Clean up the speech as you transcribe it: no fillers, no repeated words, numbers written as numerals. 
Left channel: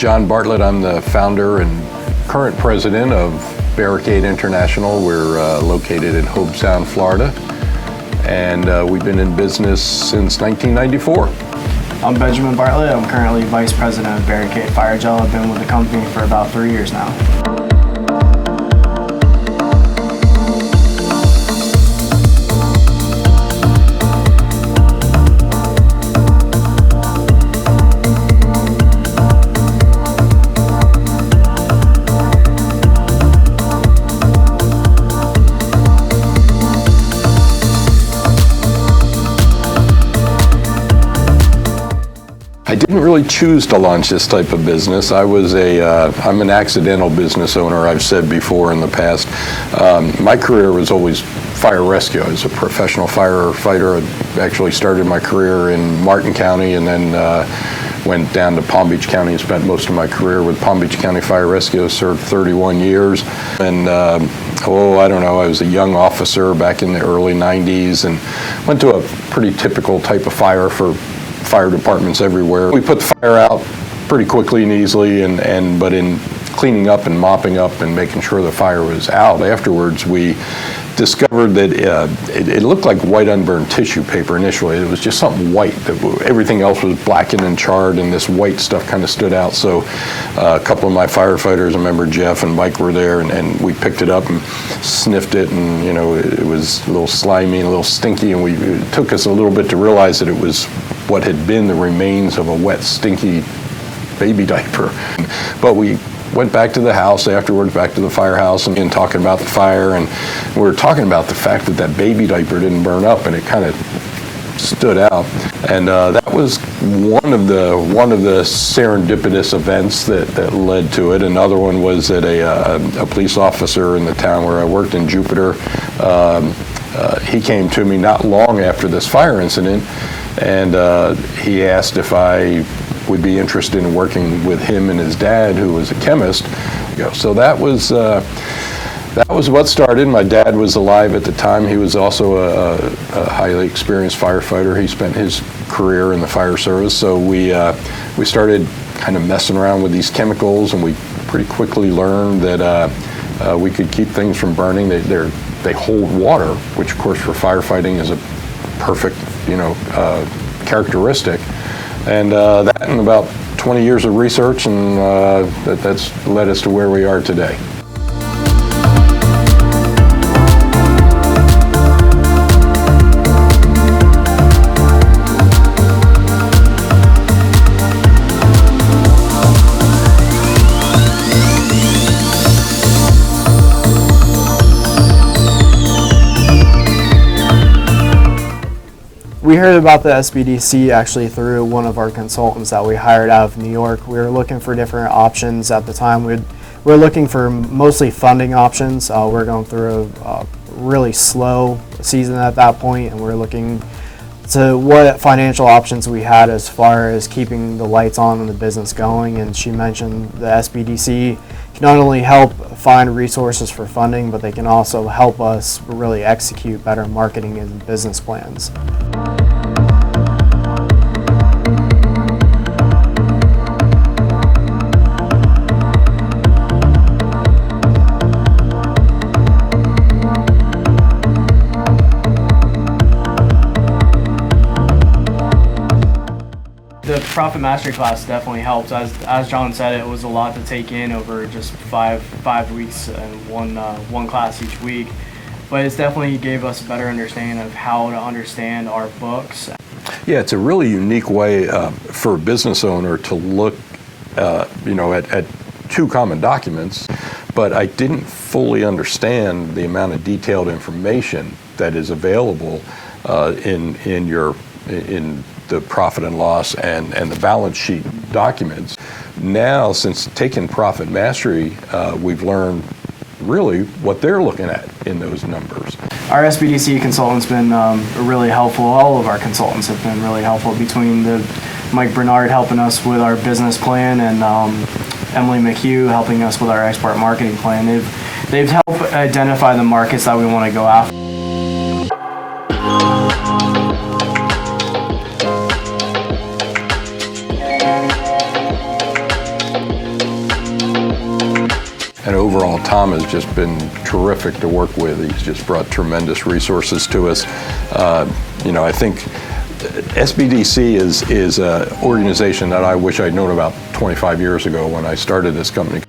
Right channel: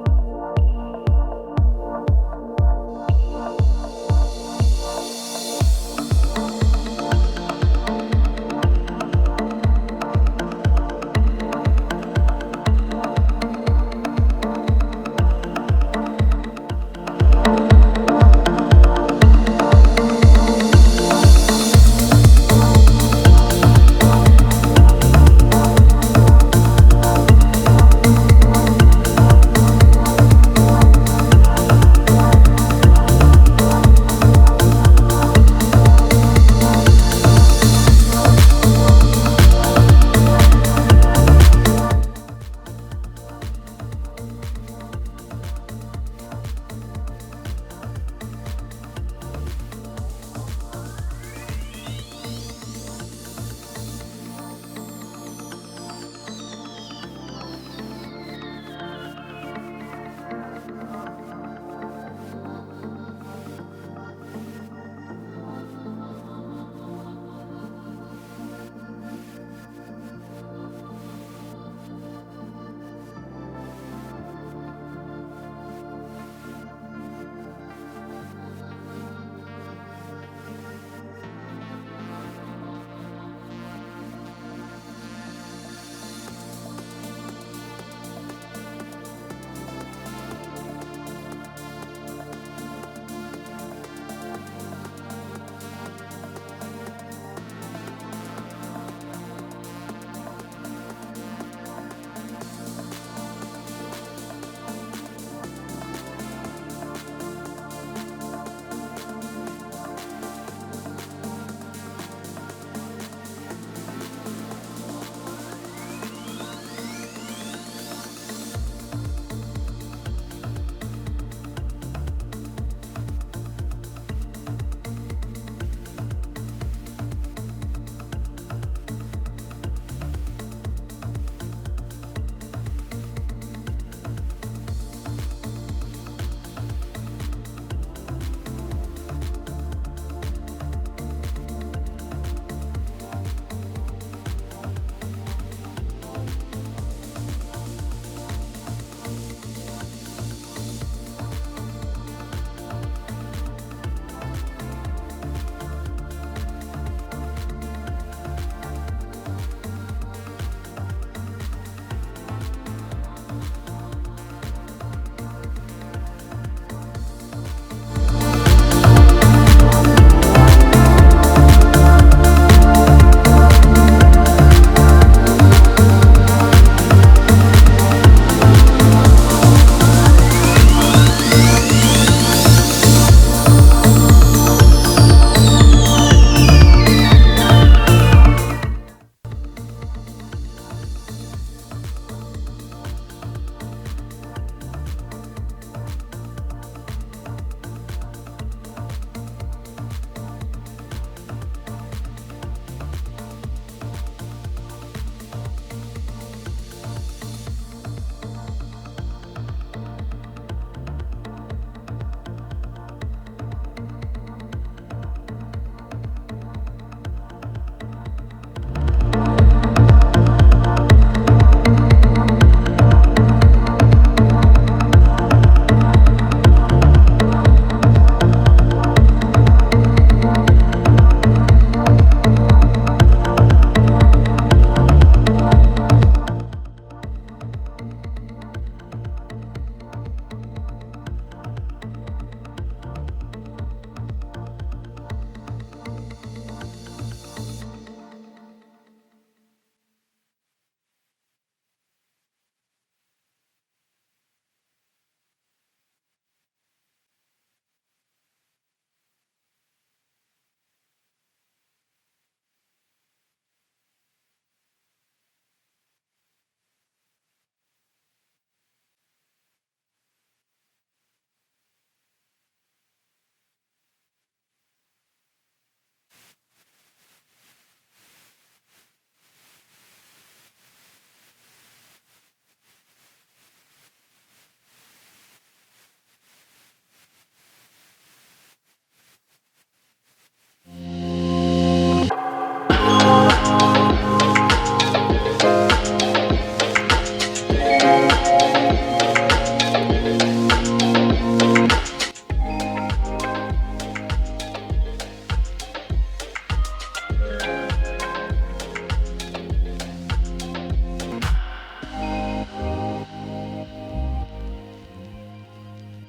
John Bartlett. I'm the founder and current president of Barricade International. We're located in Hobe Sound, Florida, and we've been in business since 1994. I'm Benjamin Bartlett. I'm currently vice president of Barricade Fire Gel. I've been with the company for about 3 years now. I didn't really choose to launch this type of business. I'm an accidental business owner, I've said before in the past. My career was always fire rescue. I was a professional firefighter. I actually started my career in Martin County and then went down to Palm Beach County and spent most of my career with Palm Beach County Fire Rescue. Served 31 years. And I don't know, I was a young officer back in the early 90s and went to a pretty typical type of fire for fire departments everywhere. We put the fire out pretty quickly and easily, but in cleaning up and mopping up and making sure the fire was out afterwards, we discovered that it looked like white unburned tissue paper initially. It was just something white. Everything else was blackened and charred, and this white stuff kind of stood out. So a couple of my firefighters, I remember Jeff and Mike were there, and we picked it up and sniffed it, and it was a little slimy and a little stinky, and it took us a little bit to realize that it was what had been the remains of a wet, stinky baby diaper. But we went back to the house afterwards, back to the firehouse, and talking about the fire, and we were talking about the fact that that baby diaper didn't burn up, and it kind of stood out. And that was one of the serendipitous events that led to it. Another one was that a police officer in the town where I worked in Jupiter, he came to me not long after this fire incident, and he asked if I would be interested in working with him and his dad, who was a chemist. So that was what started. My dad was alive at the time. He was also a highly experienced firefighter. He spent his career in the fire service. So we started kind of messing around with these chemicals, and we pretty quickly learned that we could keep things from burning. They hold water, which of course for firefighting is a perfect characteristic. And that and about 20 years of research, and that's led us to where we are today. We heard about the SBDC actually through one of our consultants that we hired out of New York. We were looking for different options at the time. We were looking for mostly funding options. We're going through a really slow season at that point, and we're looking to what financial options we had as far as keeping the lights on and the business going. And she mentioned the SBDC can not only help find resources for funding, but they can also help us really execute better marketing and business plans. The Profit Mastery class definitely helped. As John said, it was a lot to take in over just five weeks and one class each week. But it definitely gave us a better understanding of how to understand our books. Yeah, it's a really unique way for a business owner to look, at two common documents. But I didn't fully understand the amount of detailed information that is available in the profit and loss and the balance sheet documents. Now, since taking Profit Mastery, we've learned really what they're looking at in those numbers. Our SBDC consultant's been really helpful. All of our consultants have been really helpful, between Mike Bernard helping us with our business plan and Emily McHugh helping us with our export marketing plan. They've helped identify the markets that we want to go after. And overall, Tom has just been terrific to work with. He's just brought tremendous resources to us. I think SBDC is an organization that I wish I'd known about 25 years ago when I started this company.